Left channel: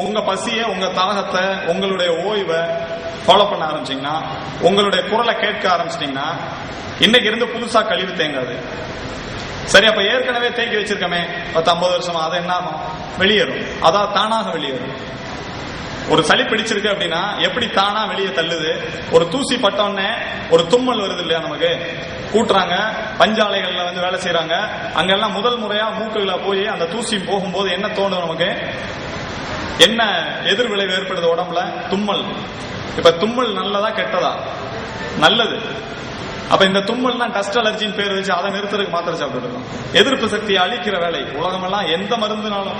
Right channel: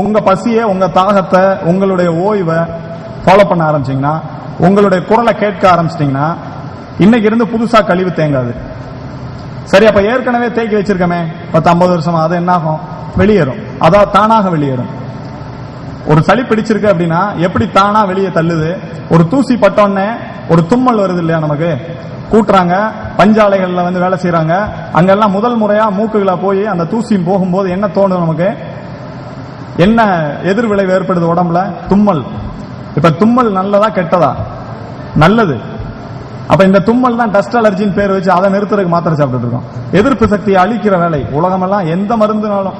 உங்க பசிய, உங்க தாகத்தை, உங்களுடைய ஓய்வை ஃபாலோ பண்ண ஆரம்பிச்சீங்கன்னா, உங்களுடைய குரலை கேட்க ஆரம்பிச்சிட்டீங்கன்னா, இன்னைக்கு இருந்து புதுசா கழிவு தேங்காது. சரி, அப்ப ஏற்கனவே தேக்கி வச்சிருக்கமே 10-50 வருஷமா, அது என்ன ஆகும்? வெளியேறும். அதாவது தானாக வெளியேறும். ஒரு சளி பிடிச்சிருக்கு அப்படின்னா எப்படி தானா வெளியே தள்ளுது? ஒரு தூசி பட்டோன்னே ஒரு தும்மல் வருது இல்லையா? நமக்கு கூட்டுறாங்க, பஞ்சாலைகள்ல வந்து வேலை செய்யறாங்க, அங்கெல்லாம் முதல் முறையா மூக்குகளை போய் அந்த தூசி போகும்போது என்ன தோணும் நமக்கு? என்ன எதிர் விளைவு ஏற்படுது உடம்புல? தும்மல். இப்ப தும்மல் நல்லதா கெட்டதா? நல்லது. அப்ப இந்த தும்மல் தான் டஸ்ட் அலர்ஜின்னு பேர் வச்சு அதை நிறுத்துறதுக்கு மாத்திரை சாப்பிட்டு இருக்கோம். எதிர்ப்பு சக்தியை அழிக்கிற வேலை. உலகமெல்லாம் எந்த மருந்துனாலும்,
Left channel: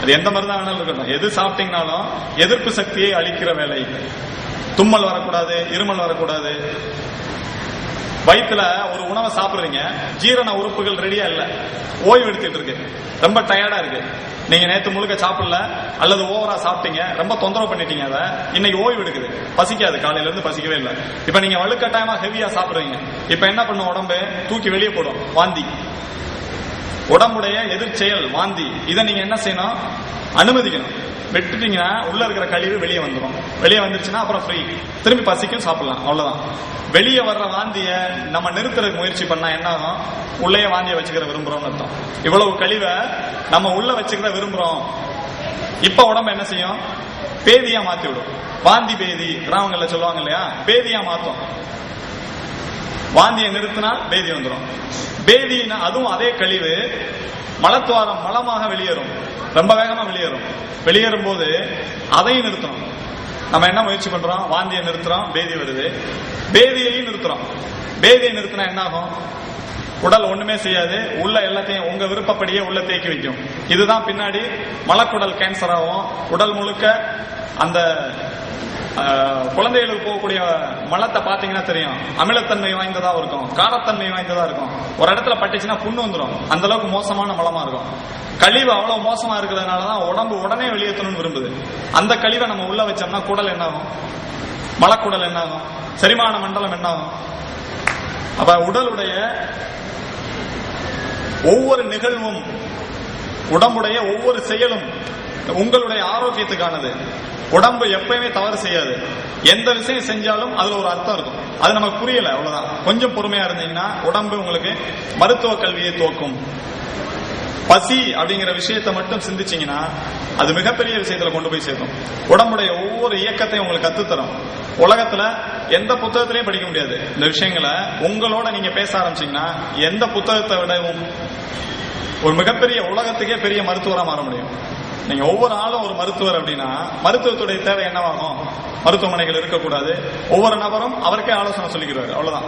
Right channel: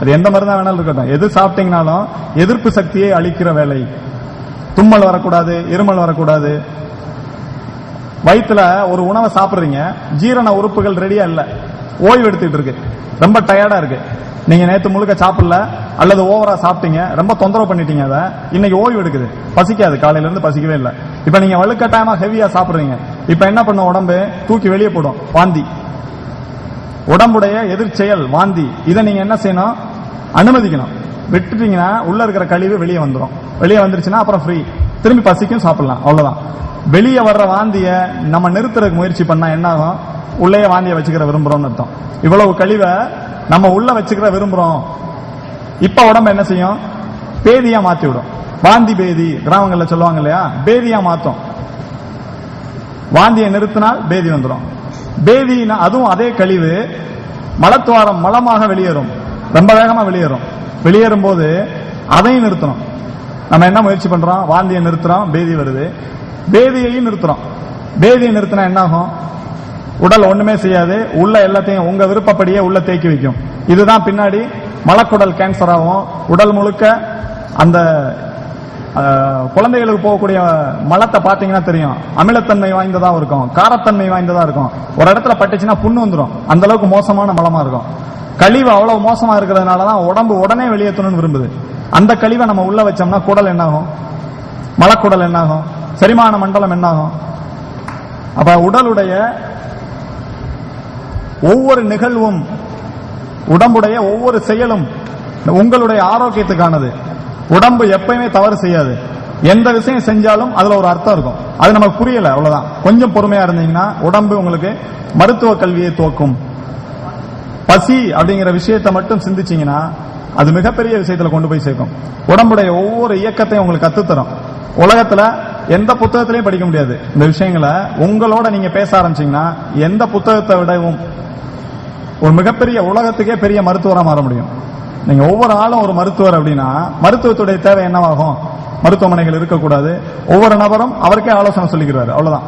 அது எந்த மருந்தா வேணாலும் இருக்கட்டும், எது சாப்பிட்டீங்கனாலும் எதிர்ப்பு சக்தியை அழிக்கிற வேலை. தும்மல் வரக்கூடாது, இருமல் வரக்கூடாது. வயிற்றுல ஒரு உணவை சாப்பிடுறீங்க, ஜீரண உறுப்புகள் ரெடியா இல்ல, ஓய்வு எடுத்துட்டு இருக்கு, ரொம்ப டயர்டா இருக்கு. நீங்க நேத்து முழுக்க சாப்பிடல அல்லது ஓவரா சாப்பிட்டீங்க, ரொம்ப தொந்தரவு பண்ணிட்டீங்க, அதை இன்னைக்கு ஓய்வு எடுக்குது, பசிக்காது, காலையில இருந்து பசிக்கவே இல்லை. இப்ப நீங்க வலுக்கட்டாயமா ஹெவியா சாப்பிடுறீங்க, இப்ப என்ன பண்ணும்? உடம்பு தூக்கி வெளியே போடும், வாந்தி. உடம்புடைய எதிர்ச்செயல் வாந்தி. இதை நீங்க என்ன செய்யணும்? அனுமதிக்கணும். விட்டுட்டீங்கன்னா உள்ள இருக்கிற கழிவு வெளியே வந்துடும். வெளியே வந்துருச்சுன்னா அப்புறம் ஃப்ரீ, திரும்பி பசிக்கும், சாப்பிடலாம், அவ்வளவுதான். வெளியே வர்ற வாந்திய நம்ம நிறுத்துறதுக்கு முயற்சி பண்ணா என்ன ஆகும்? உள்ளே வாந்திய வச்சுக்கிற விரும்புறோம்னு அர்த்தம். இவ்வளவு கழிவை நம்ம உள்ள வச்சுக்கிற விரும்புறோம். இப்ப உடம்பு என்ன செய்யும்? பேதியா மாத்தி விடும். வாந்தி பேதி கிராமங்கள்ல சொல்லுவாங்க இல்லையா? பேதியா மாத்தும். வாந்தியை நிறுத்தினால் பேதி வந்துடும். பேதினா அதுவும் அதே கழிவு மலத்துவாரம் மலமாக வெளியேறும், ரொம்ப வேகமா வெளியேறும். வெளியேறும் போது அதையும் நிறுத்தணும். நம்ம என்ன முயற்சி பண்றோம்? வாந்தியை நிறுத்துறோம், பேதி வருது. பேதியையும் நிறுத்துறோம். பேதியை நிறுத்தினா என்ன ஆகும்? உடல் ஒண்ணுமே செய்யாது, உள்ள எல்லாத்தையும் உங்க விருப்பப்படியே உள்ள தேக்கி வைக்கும். இதுதான் பின்னாடி மலக்குடல் கேன்சர் ஆகும். உடல் முழுக்க அந்த குழந்தைகளுக்கு போகக்கூடிய மலத்தை பாத்தீங்கன்னா தெரியும், அமிலத்தன்மை வாய்ந்ததா இருக்கும், காரத்தன்மை வாய்ந்ததா இருக்கும். ஒரு இடத்துல பட்டுச்சுன்னா புண்ணு வந்துடும், அந்த அளவுக்கு மோசமான மலமா இருக்கும். கழிவு அவ்வளவு மோசமா இருக்கிறதுனாலதான் உடம்பு உடனே வெளியேற்றணும்னு விரும்புது. அந்த கழிவை நம்ம உள்ள வச்சோம்னா குடல் என்னாகும்? மலக்குடல் என்னாகும்? செரிமான மண்டலம் என்னாகும்? அப்ப உடலுடைய ஒவ்வொரு நிகழ்வும், உடம்புடைய ஒவ்வொரு செயலும் உங்களுடைய ஆரோக்கியத்துக்கானது. உடம்பு எப்பயுமே தவறு செய்யாது. எந்த விஷயம் செஞ்சாலும் அதுல ஒரு அர்த்தம் இருக்கும். அது நமக்கு புரியல, அவ்வளவுதான். கொஞ்சம் பொறுமையா இருந்தீங்கன்னா உடம்பு உங்களுக்கு மருத்துவ கல்வியை துவக்கும். பசி அப்படிங்கிற விஷயத்தை மட்டும் சிந்திச்சீங்கன்னா அது மிகப்பெரிய விஷயத்துல கொண்டு போய் சேர்க்கும். உடம்புடைய ஒவ்வொரு இயக்கத்தையும் உங்களுக்கு கத்துத்தரும். உலகத்துல எந்த புத்தகத்திலையும் படிக்க முடியாது இந்த விஷயங்களை. உங்களோட நீங்க பேச ஆரம்பிச்சீங்கன்னா எந்த புத்தகத்தை விடவும் ஒரு மிகப்பெரிய, உலகத்துக்கே பெரிய மருத்துவரா மாற முடியும். நீங்க ஒவ்வொரு ஆளும் ஒரு மருத்துவர் அப்படின்னா மருத்துவத்துடைய தேவை என்னவாகும்? மருத்துவமனைகள் இருக்கக்கூடாது. ஒவ்வொரு நபரும் அவருக்கே ஆலோசனை சொல்லிக்கிறாரு, அவ்வளவுதான்.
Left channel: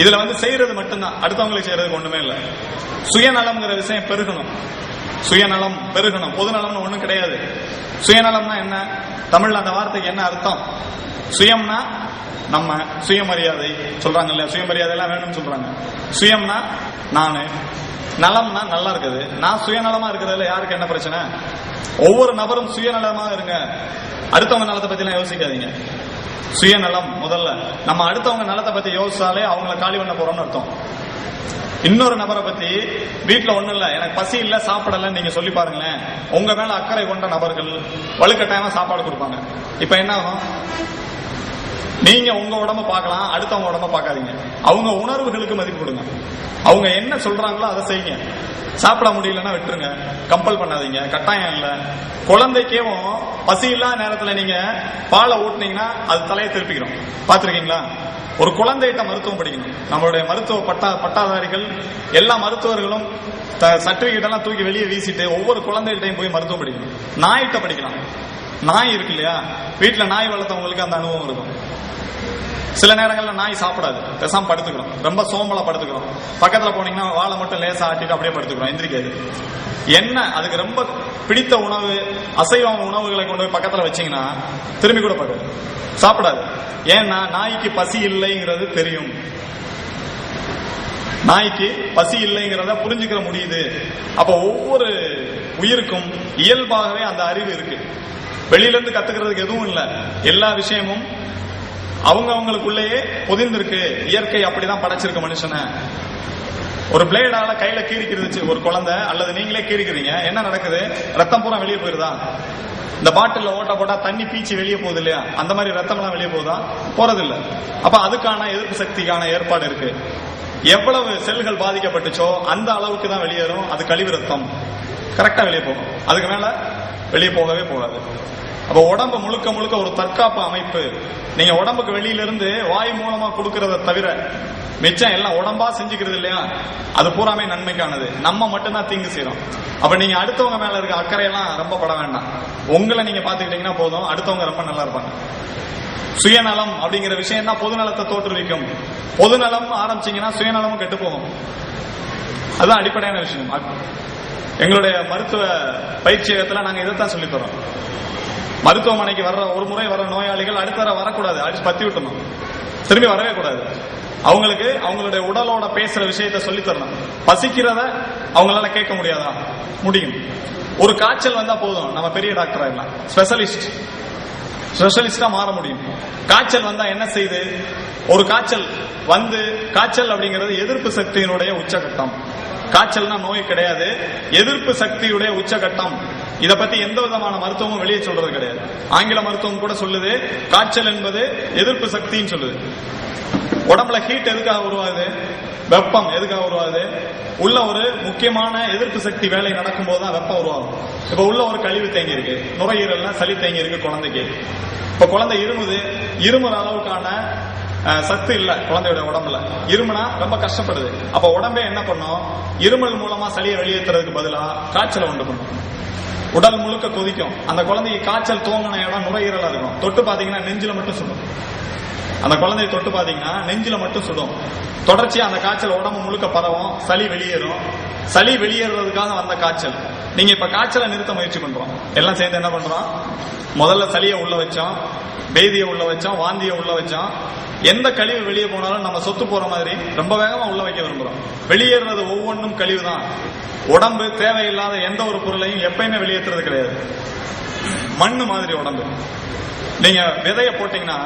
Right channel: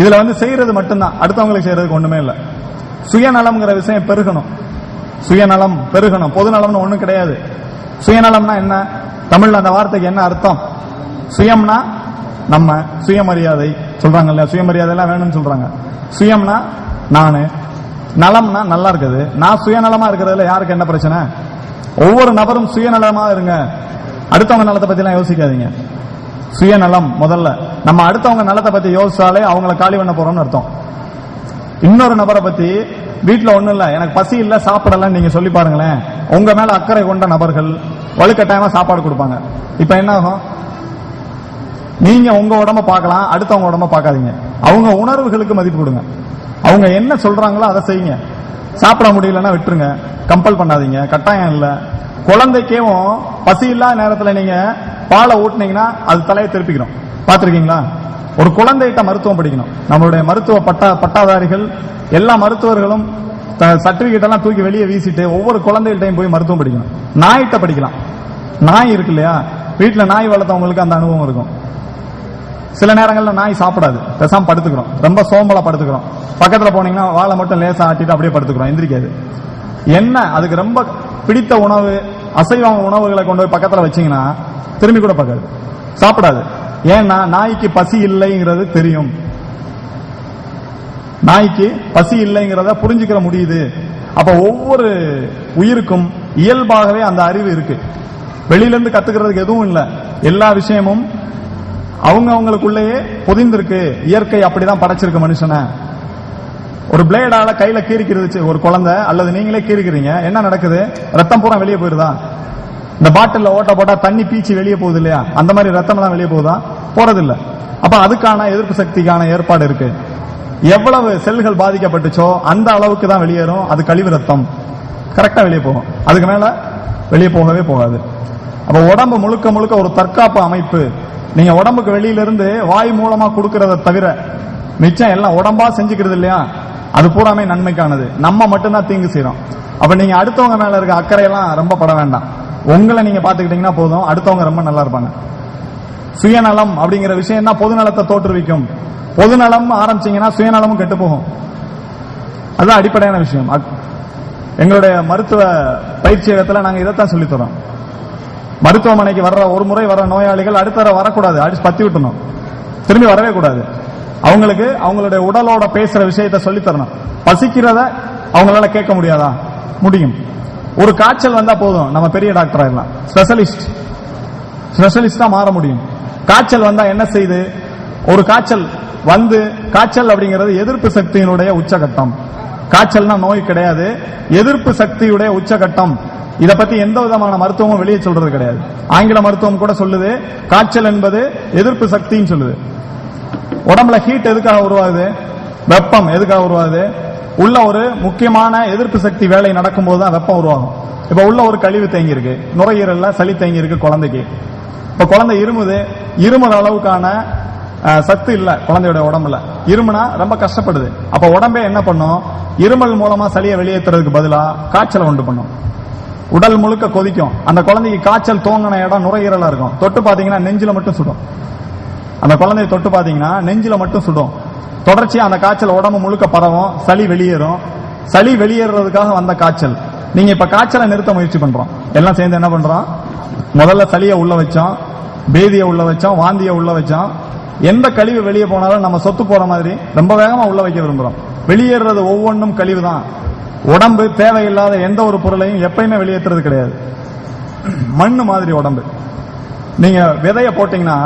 இதுல வந்து செய்யறது மட்டும்தான், அடுத்தவங்களுக்கு செய்யறதுக்கு ஒண்ணுமே இல்லை. சுயநலம்ங்கிற விஷயம் பெருகணும். சுயநலம் பெருகணும். பொதுநலம்னு ஒண்ணும் கிடையாது. சுயநலம்னா என்ன? தமிழ்ல அந்த வார்த்தைக்கு என்ன அர்த்தம்? சுயம்னா நம்ம, சுயமரியாதை சொல்றாங்க இல்லையா? சுயமரியாதை எல்லாம் வேணும்னு சொல்றாங்க. சுயம்னா நானு, நலம்னா நல்லா இருக்குது. நான் சுயநலமா இருக்கிறதுல யாருக்கு என்ன பிரச்சனை? ஒவ்வொரு நபரும் சுயநலமா இருங்க. அடுத்தவங்க நலத்தை பத்தி எல்லாம் யோசிக்காதீங்க. சுயநலம் முதல்ல. நம்ம அடுத்தவங்க நலத்தை பத்தி யோசிச்சாலே அவங்கள காலி பண்ண போறோம்னு அர்த்தம். இன்னொரு நபரை பத்தி வீட்டுல ஒண்ணும் இல்ல, எனக்கு பசி இல்ல, சாப்பிடலன்னு நீங்க சொல்லி பாருங்களேன், உங்க மேல அக்கறை கொண்ட நபர்கள் வலுக்கட்டாயமா சாப்பாடு கொடுப்பாங்க. இப்ப என்ன ஆகும்? நீங்க உங்க உடம்ப பார்க்கலாம், அடுத்தவங்க உடம்ப பார்க்காதீங்க. அவங்க உணர்வுகளுக்கு மதிப்பு கொடுங்க. அவங்க என்ன சொல்றாங்களோ அதை செய்யுங்க. சாப்பிட முடியலன்னா விட்டுருங்க, கம்பல் பண்ணாதீங்க, கட்டாயம் இல்ல. குழந்தைக்கும் பசி இல்லாத நேரத்துல நீங்க பாலை ஊட்டினீங்கன்னா அது தலையை திருப்பிக்கணும். பாத்திருக்கீங்களா? ஒரு குழந்தைகிட்ட மருத்துவம் படிக்கணும். நம்மளுடைய மருத்துவ பட்டாதாரிகள் எல்லா மருத்துவர்களும் சர்டிபிகேட் எல்லாம் தூக்கி வெளியே வீசிட்டு ஒவ்வொரு குழந்தைகிட்டையும் போய் மருத்துவம் படிக்கணும். நாய்கிட்ட படிக்கலாம். நாய் இருக்கு இல்லையா? வீட்டுல நாய் வளர்த்தவங்களுக்கு அந்த அனுபவம் இருக்கும். சில நேரங்கள்ல நாய் சாப்பிடாது, பேசாம படுத்துக்கிறோம், ரொம்ப சோம்பலா படுத்துக்கிறோம். பக்கத்துல போனீங்கன்னா வாழை மட்டும் லேசா ஆட்டிட்டு அப்படியே படுத்துக்கிறோம், எந்திரிக்காது. என்ன அதுக்கு ரொம்ப பிடித்த உணவு, அசைவ உணவுகளை கொண்டு போய் பக்கத்துல வச்சீங்கன்னா திரும்பி கூட பார்க்காது, சாப்பிடாது. ஏன்னா நாய்க்கு பசி இல்லைங்கிறது தெரியும். நாய்க்கு பசி இல்லைங்கிறத புரிஞ்சுக்கிற முடியுது. அப்ப ஒவ்வொரு உயிருக்கும் இயல்பாகவே அந்த அறிவு இருக்கு. வெளியிலிருந்து கத்துக்கிறதுக்கு எதுவும் இல்லை. எல்லா விஷயமும் அவங்க அவங்களுக்குள்ளேயே பொதிந்திருக்கு. இயற்கை அப்படிதான் படைச்சிருக்கு மனுஷனை. ஒரு பிளேடால கையில கீறிக்கிறது ஒரு குழந்தை அல்லது நீங்களே கீறிக்கிறீங்க, என்ன நடக்குது? ரத்தம் பூரா வெளியே போயிருதா? இந்த பாட்டில்ல ஓட்ட போட்டா தண்ணி பீச்சி வெளியே போகுது இல்லையா, அந்த மாதிரி ரத்தம் எல்லாம் வெளியே போகுதா? போறதில்லை. அப்ப அதுக்கான எதிர்ப்பு சக்திக்கான ஏற்பாடு இருக்கு. எவ்வளவு செல்கள் பாதிக்கப்பட்டுச்சோ அந்த அளவுக்கு தான் வெளியேறும். அது கழிவு ரத்தம் கரெக்டா வெளியே போகும், அதுக்கு மேல வெளியே போகவே போகாது. அப்ப உடம்பு முழுக்க முழுக்க ஒரு தற்காப்பு அமைப்பு. நீங்க உடம்புக்கு வெளியிலிருந்து வாய் மூலமா கொடுக்கறத தவிர மிச்சம் எல்லாம் உடம்பா செஞ்சுக்கிறது இல்லையா, அது பூராமே நன்மைக்கானது. நம்ம மட்டும்தான் தீங்கு செய்யறோம். அப்ப நீங்க அடுத்தவங்க மேல இருக்க அக்கறையெல்லாம் ரொம்ப பட வேண்டாம். உங்களை நீங்க பாத்துக்கிட்டீங்கன்னா போதும், அடுத்தவங்க ரொம்ப நல்லா இருப்பாங்க. சுயநலம் அப்படிங்கிற விஷயம் தான் பொதுநலத்தை தோற்றுவிக்கும். பொதுநலம் ஆரம்பிச்சீங்கன்னா சுயநலமும் கெட்டு போகும். அதுதான் அடிப்படையான விஷயம். எங்களுடைய மருத்துவ பயிற்சியகத்துல நாங்க இதைத்தான் சொல்லி தரோம். மருத்துவமனைக்கு வர்ற ஒரு முறை வர்ற நோயாளிகள் அடுத்த தடவை வரக்கூடாது, அடிச்சு பத்தி விட்டணும், திரும்பி வரவே கூடாது. அவங்களுக்கு அவங்களுடைய உடலோட பேசுற விஷயத்த சொல்லி தரணும். பசிக்கிறத அவங்களால கேட்க முடியாதா? முடியும். ஒரு காய்ச்சல் வந்தா போதும், நம்ம பெரிய டாக்டர் ஆகலாம், ஸ்பெஷலிஸ்டா மாற முடியும். காய்ச்சல் வந்தா என்ன செய்யுது? ஒரு காய்ச்சல் வந்து, காய்ச்சல் அப்படிங்கிறது எதிர்ப்பு சக்தியினுடைய உச்சகட்டம். காய்ச்சல்னா நோய் கிடையாது, எதிர்ப்பு சக்தியுடைய உச்சகட்டம். இத பத்தி எந்த விதமான மருத்துவமும் வெளியே சொல்றது கிடையாது. ஆங்கில மருத்துவம் கூட சொல்லுது காய்ச்சல் என்பது எதிர்ப்பு சக்தின்னு சொல்லுது. உடம்புல ஹீட் எதுக்காக உருவாகுது? வெப்பம் எதுக்காக உருவாகுது? உள்ள ஒரு முக்கியமான எதிர்ப்பு சக்தி வேலை நடக்கும் போதுதான் வெப்பம் உருவாகும். இப்ப உள்ள ஒரு கழிவு தேங்கி இருக்கு, நுரையீரல்ல சளி தேங்கி இருக்கு குழந்தைக்கு. இப்ப குழந்தை இருமுற அளவுக்கான சத்து இல்ல குழந்தையோட உடம்புல. இருமுனா ரொம்ப கஷ்டப்படுது. அப்ப உடம்பே என்ன பண்ணும்? இருமல் மூலமா சளியை வெளியேற்றுறதுக்கு பதிலா காய்ச்சலை உண்டு பண்ணும். உடல் முழுக்க கொதிக்கும். அந்த குழந்தைக்கு காய்ச்சல் தோங்கின இடம் நுரையீரலா இருக்கும். தொட்டு பாத்தீங்கன்னா நெஞ்சில மட்டும் சுடும். அந்த குழந்தைய தொட்டு பாத்தீங்கன்னா நெஞ்சில மட்டும் சுடும். தொடர்ச்சியா அந்த காய்ச்சல் உடம்பு முழுக்க பரவும், சளி வெளியேறும். சளி வெளியேறதுக்காக வந்த காய்ச்சல். நீங்க இப்ப காய்ச்சலை நிறுத்த முயற்சி பண்றோம், எல்லாம் சேர்ந்து என்ன பண்றோம்? முதல்ல சளியை உள்ள வச்சோம், பேதியை உள்ள வச்சோம், வாந்தியை உள்ள வச்சோம். எந்த கழிவு வெளியே போனாலும் நம்ம சொத்து போற மாதிரி ரொம்ப வேகமா உள்ள வைக்க விரும்புறோம். வெளியேறது ஒவ்வொன்றும் கழிவு தான். உடம்பு தேவையில்லாத எந்த ஒரு பொருளையும் எப்பயுமே வெளியேற்றுறது கிடையாது. மண்ணு மாதிரி உடம்பு. நீங்க விதைய போட்டீங்கன்னா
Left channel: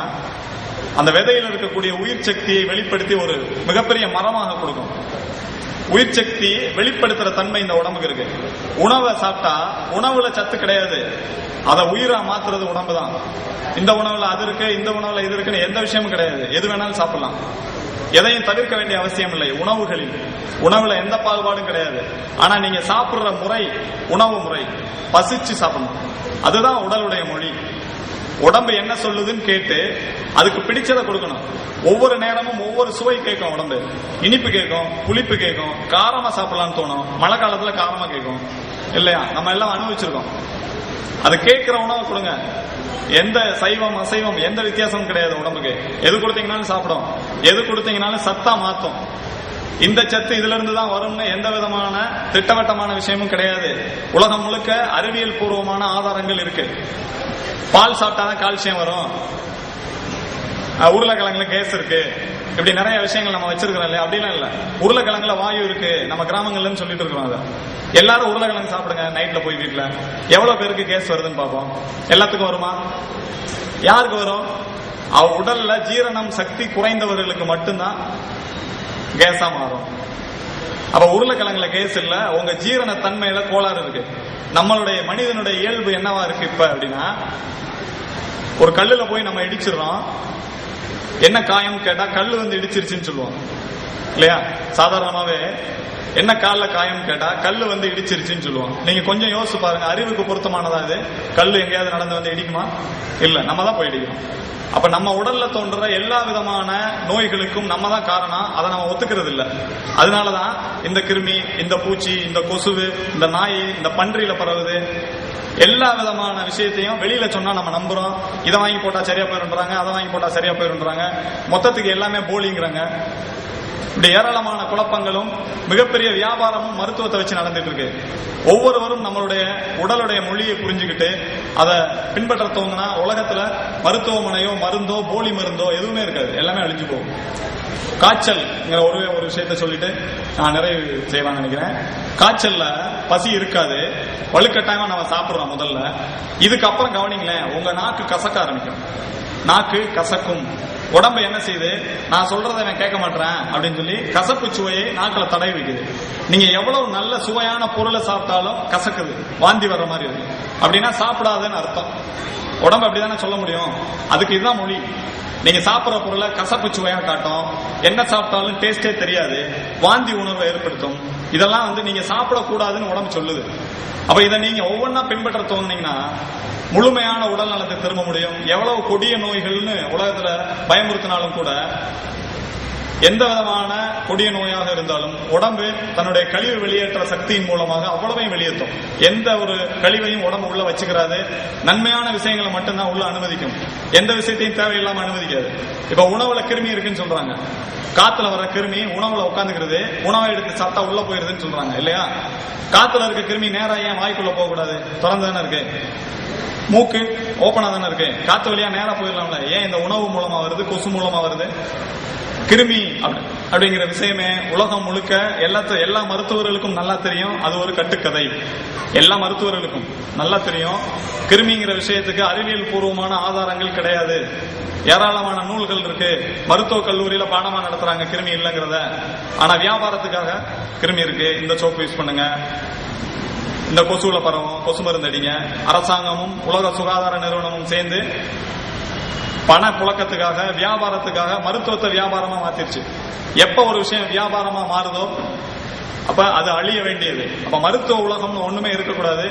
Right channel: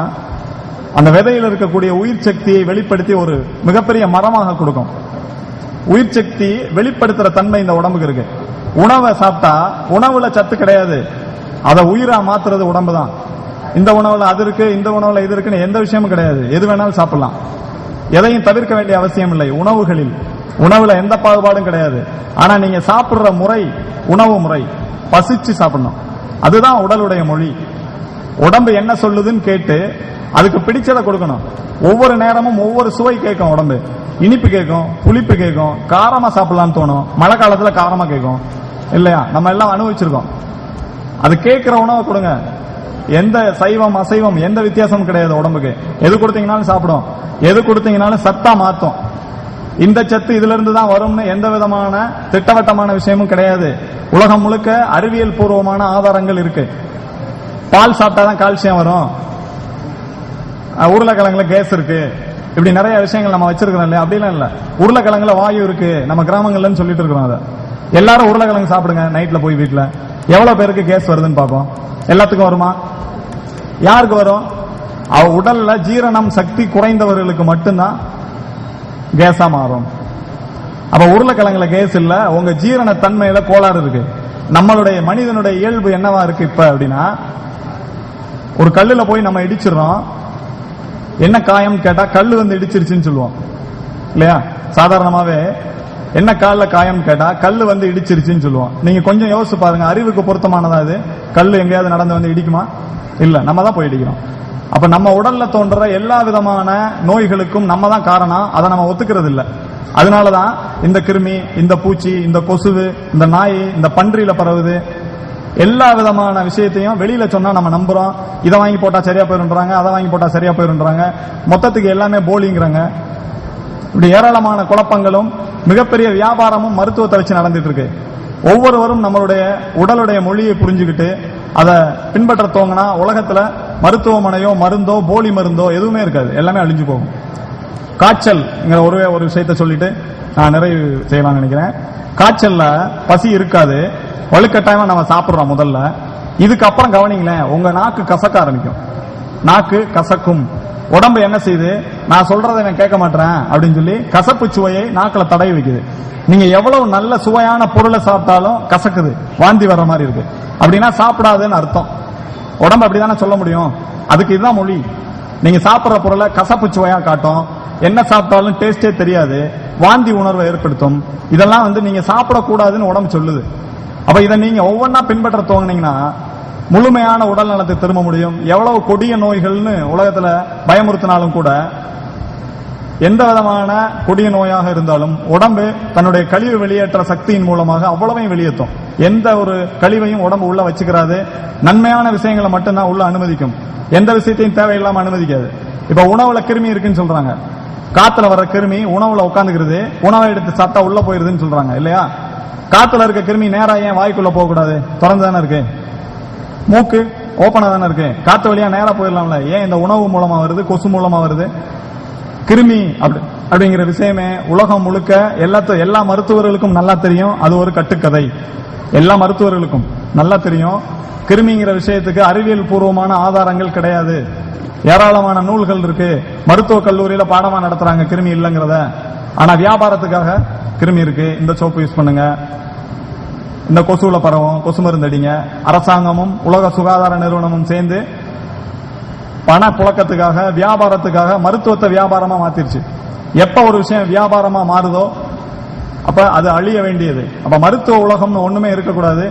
அந்த விதையில் இருக்கக்கூடிய உயிர் சக்தியை வெளிப்படுத்தி ஒரு மிகப்பெரிய மரமாக கொடுக்கும். உயிர் சக்தி வெளிப்படுத்துற தன்மை இந்த உடம்புக்கு இருக்கு. உணவை சாப்பிட்டா உணவுல சத்து கிடையாது, அதை உயிரா மாத்துறது உடம்பு தான். இந்த உணவுல அது இருக்கு, இந்த உணவுல இது இருக்குன்னு எந்த விஷயமும் கிடையாது. எது வேணாலும் சாப்பிடலாம், எதையும் தவிர்க்க வேண்டிய அவசியம் இல்லை. உணவுல எந்த பாகுபாடும் கிடையாது. ஆனா நீங்க சாப்பிடுற முறை, உணவு முறை, பசிச்சு சாப்பிடணும். அதுதான் உடலுடைய மொழி. உடம்பு என்ன சொல்லுதுன்னு கேட்டு அதுக்கு பிடிச்சதை கொடுக்கணும். ஒவ்வொரு நேரமும் ஒவ்வொரு சுவை கேட்கும். உடம்பு இனிப்பு கேட்கும், புளிப்பு கேட்கும், காரமா சாப்பிடலாம்னு தோணும். மழை காலத்துல காரமா கேட்கும் இல்லையா? நம்ம எல்லாம் அனுபவிச்சிருக்கோம். அது கேட்கிற உணவை கொடுங்க. எந்த சைவம் அசைவம் எந்த வித்தியாசமும் கிடையாது. உடம்புக்கு எது கொடுத்தீங்கன்னாலும் சாப்பிடும், எது கொடுத்தீங்கன்னாலும் சத்தா மாத்தும். இந்த சத்து இதுல இருந்து தான் வரும்னு எந்த விதமான திட்டவட்டமான விஷயமும் கிடையாது. உலகம் முழுக்க அறிவியல் பூர்வமான ஆதாரங்கள் இருக்கு. பால் சாப்பிட்டாதான் கால்சியம் வரும், உருளைக்கிழங்குல கேஸ் இருக்கு, இப்படி நிறைய விஷயங்கள் நம்ம வச்சிருக்கிறோம் இல்லையா? அப்படிலாம் இல்ல. உருளைக்கிழங்குல வாயு இருக்கு, நம்ம கிராமங்கள்ல சொல்லிட்டு இருக்கிறோம். அதை எல்லாரும் உருளைக்கிழங்கு சாப்பிடுங்க நைட்ல போய் வீட்டுல. எவ்வளவு பேருக்கு கேஸ் வருதுன்னு பார்ப்போம். எல்லாத்துக்கும் வருமா? யாருக்கு வரும்? அவ உடல்ல ஜீரணம் சக்தி குறைந்தவர்களுக்கு மட்டும்தான் கேஸா மாறும். அப்ப உருளைக்கிழங்குல கேஸ் இல்ல, உங்க ஜீரண தன்மையில கோளாறு இருக்கு. நம்மளுடைய மனிதனுடைய இயல்பு என்னவா இருக்கு இப்ப அப்படின்னா, ஒரு கல்லுல போய் நம்ம இடிச்சிடறோம். என்ன காயம் கேட்டா கல்லு வந்து இடிச்சிருச்சுன்னு சொல்லுவோம் இல்லையா? சாதாரணமாவே என்ன கால்ல காயம் கேட்டா கல்லு வந்து இடிச்சிருச்சுன்னு சொல்லுவோம். நீங்க கொஞ்சம் யோசிச்சு பாருங்க, அறிவுக்கு பொருத்தமானதா அது? கல்லு எங்கேயாவது நடந்து வந்து இடிக்குமா? இல்ல, நம்ம தான் போய் இடிக்கிறோம். அப்ப நம்ம உடல்ல தோன்ற எல்லா விதமான நோய்களுக்கும் நம்ம தான் காரணம். அதை நம்ம ஒத்துக்கிறது இல்ல. அதனாலதான் இந்த கிருமி, இந்த பூச்சி, இந்த கொசுவு, இந்த நாய், இந்த பன்றியில பரவுது. எல்லா விதமான விஷயத்தையும் வெளியில சொன்னா நம்ம நம்புறோம். இதை வாங்கி போட்டா சரியா போயிருன்றாங்க, அதை வாங்கி போட்டா சரியா போயிருன்றாங்க. மொத்தத்துக்கு எல்லாமே போலிங்கிறாங்க. இப்படி ஏராளமான குழப்பங்களும் மிகப்பெரிய வியாபாரமும் மருத்துவத்தை வச்சு நடந்துட்டு இருக்கு. ஒவ்வொருவரும் நம்மளுடைய உடலுடைய மொழியை புரிஞ்சுக்கிட்டு அதை பின்பற்ற தோங்கினா உலகத்துல மருத்துவமனையோ மருந்தோ போலி மருந்தோ எதுவுமே இருக்காது, எல்லாமே அழிஞ்சு போகும். காய்ச்சல் ஒரே ஒரு விஷயத்த சொல்லிட்டு நான் நிறைவு செய்யலாம்னு நினைக்கிறேன். காய்ச்சல்ல பசி இருக்காது, வலுக்கட்டாயமா நம்ம சாப்பிடுறோம் முதல்ல. இதுக்கப்புறம் கவனிங்களேன், உங்க நாக்கு கசக்க ஆரம்பிக்கும். நாக்கு கசக்கும். உடம்பு என்ன செய்யுது, நான் சொல்றதை நான் கேட்க மாட்டேன் அப்படின்னு சொல்லி கசப்பு சுவையை நாக்குல தடவி வைக்குது. நீங்க எவ்வளவு நல்ல சுவையான பொருளை சாப்பிட்டாலும் கசக்குது, வாந்தி வர்ற மாதிரி இருக்கு அப்படின்னா சாப்பிடாதுன்னு அர்த்தம். உடம்பு அப்படிதானே சொல்ல முடியும். அதுக்கு இதுதான் மொழி. நீங்க சாப்பிடுற பொருளை கசப்பு சுவையா காட்டும், என்ன சாப்பிட்டாலும் டேஸ்டே தெரியாது, வாந்தி உணர்வை ஏற்படுத்தும். இதெல்லாம் நீங்க சாப்பிடக்கூடாதுன்னு உடம்பு சொல்லுது. அப்ப இதை நீங்க ஒவ்வொன்னா பின்பற்ற துவங்கினீங்கன்னா முழுமையான உடல் நலத்தை திரும்ப முடியும். எவ்வளவு கொடிய நோய்கள்னு உலகத்துல பயமுறுத்தினாலும் கூட, எந்த விதமான கொடிய நோயாக இருந்தாலும் உடம்பு தன்னுடைய கழிவு வெளியேற்ற சக்தியின் மூலமாக அவ்வளவையும் வெளியேற்றும். எந்த ஒரு கழிவையும் உடம்பு உள்ள வச்சுக்கிறாது. நன்மையான விஷயங்களை மட்டும்தான் உள்ள அனுமதிக்கும், எந்த விஷயத்தையும் தேவையில்லாம அனுமதிக்காது. இப்ப உணவுல கிருமி இருக்குன்னு சொல்றாங்க, காத்துல வர கிருமி உணவுல உட்காந்துக்கிறது, உணவை எடுத்து சாப்பிட்டா உள்ள போயிருதுன்னு சொல்றாங்க இல்லையா? காத்துல இருக்க கிருமி நேரா ஏன் வாய்க்குள்ள போக கூடாது? திறந்து தானே இருக்கு, மூக்கு ஓப்பனா தானே இருக்கு, காத்து வழியா நேரா போயிடலாம்ல. ஏன் இந்த உணவு மூலமா வருது, கொசு மூலமா வருது? கிருமி அப்படிங்கிற விஷயமே உலகம் முழுக்க எல்லா மருத்துவர்களுக்கும் நல்லா தெரியும். அது ஒரு கட்டுக்கதை, எல்லா மருத்துவர்களுக்கும் நல்லா தெரியும். கிருமிங்கிற விஷயத்துக்கு அறிவியல் பூர்வமான ஆதாரங்கள் கிடையாது. ஏராளமான நூல்கள் இருக்கு, மருத்துவ கல்லூரியில பாடமா நடத்துறாங்க கிருமி இல்லைங்கிறத. ஆனா வியாபாரத்துக்காக கிருமி இருக்கு, இந்த சோப்பு யூஸ் பண்ணுங்க, இந்த கொசுல பரவும், கொசு மருந்து அடிங்க. அரசாங்கமும் உலக சுகாதார நிறுவனமும் சேர்ந்து பண புழக்கத்துக்காக, வியாபாரத்துக்காக மருத்துவத்தை வியாபாரமா மாத்திருச்சு. எப்ப ஒரு விஷயம் வியாபாரமா மாறுதோ அப்ப அது அழிய வேண்டியது. அப்ப மருத்துவ உலகம்னு ஒண்ணுமே இருக்கக்கூடாது.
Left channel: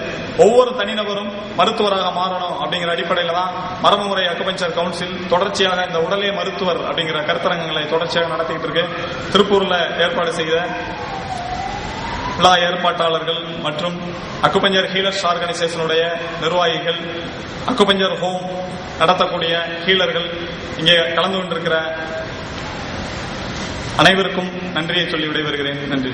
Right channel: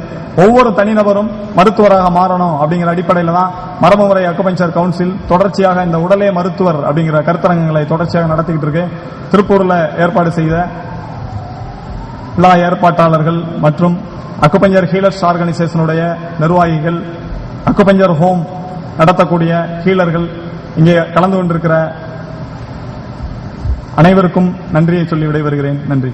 ஒவ்வொரு தனிநபரும் மருத்துவராக மாறணும் அப்படிங்கிற அடிப்படையில தான் மரபுமுறை அக்குபஞ்சர் கவுன்சில் தொடர்ச்சியாக இந்த உடலே மருத்துவர் அப்படிங்கிற கருத்தரங்குகளை தொடர்ச்சியாக நடத்திக்கிட்டு இருக்கு. திருப்பூர்ல ஏற்பாடு செய்த விழா ஏற்பாட்டாளர்கள் மற்றும் அக்குபஞ்சர் ஹீலர்ஸ் ஆர்கனைசேஷனுடைய நிர்வாகிகள், அக்குபஞ்சர் ஹோம் நடத்தக்கூடிய ஹீலர்கள், இங்கே கலந்து கொண்டிருக்கிற அனைவருக்கும் நன்றியை சொல்லி விடைபெறுகிறேன். நன்றி.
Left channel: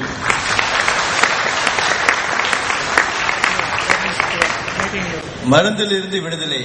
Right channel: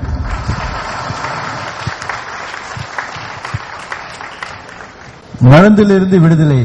மருந்திலிருந்து விடுதலை.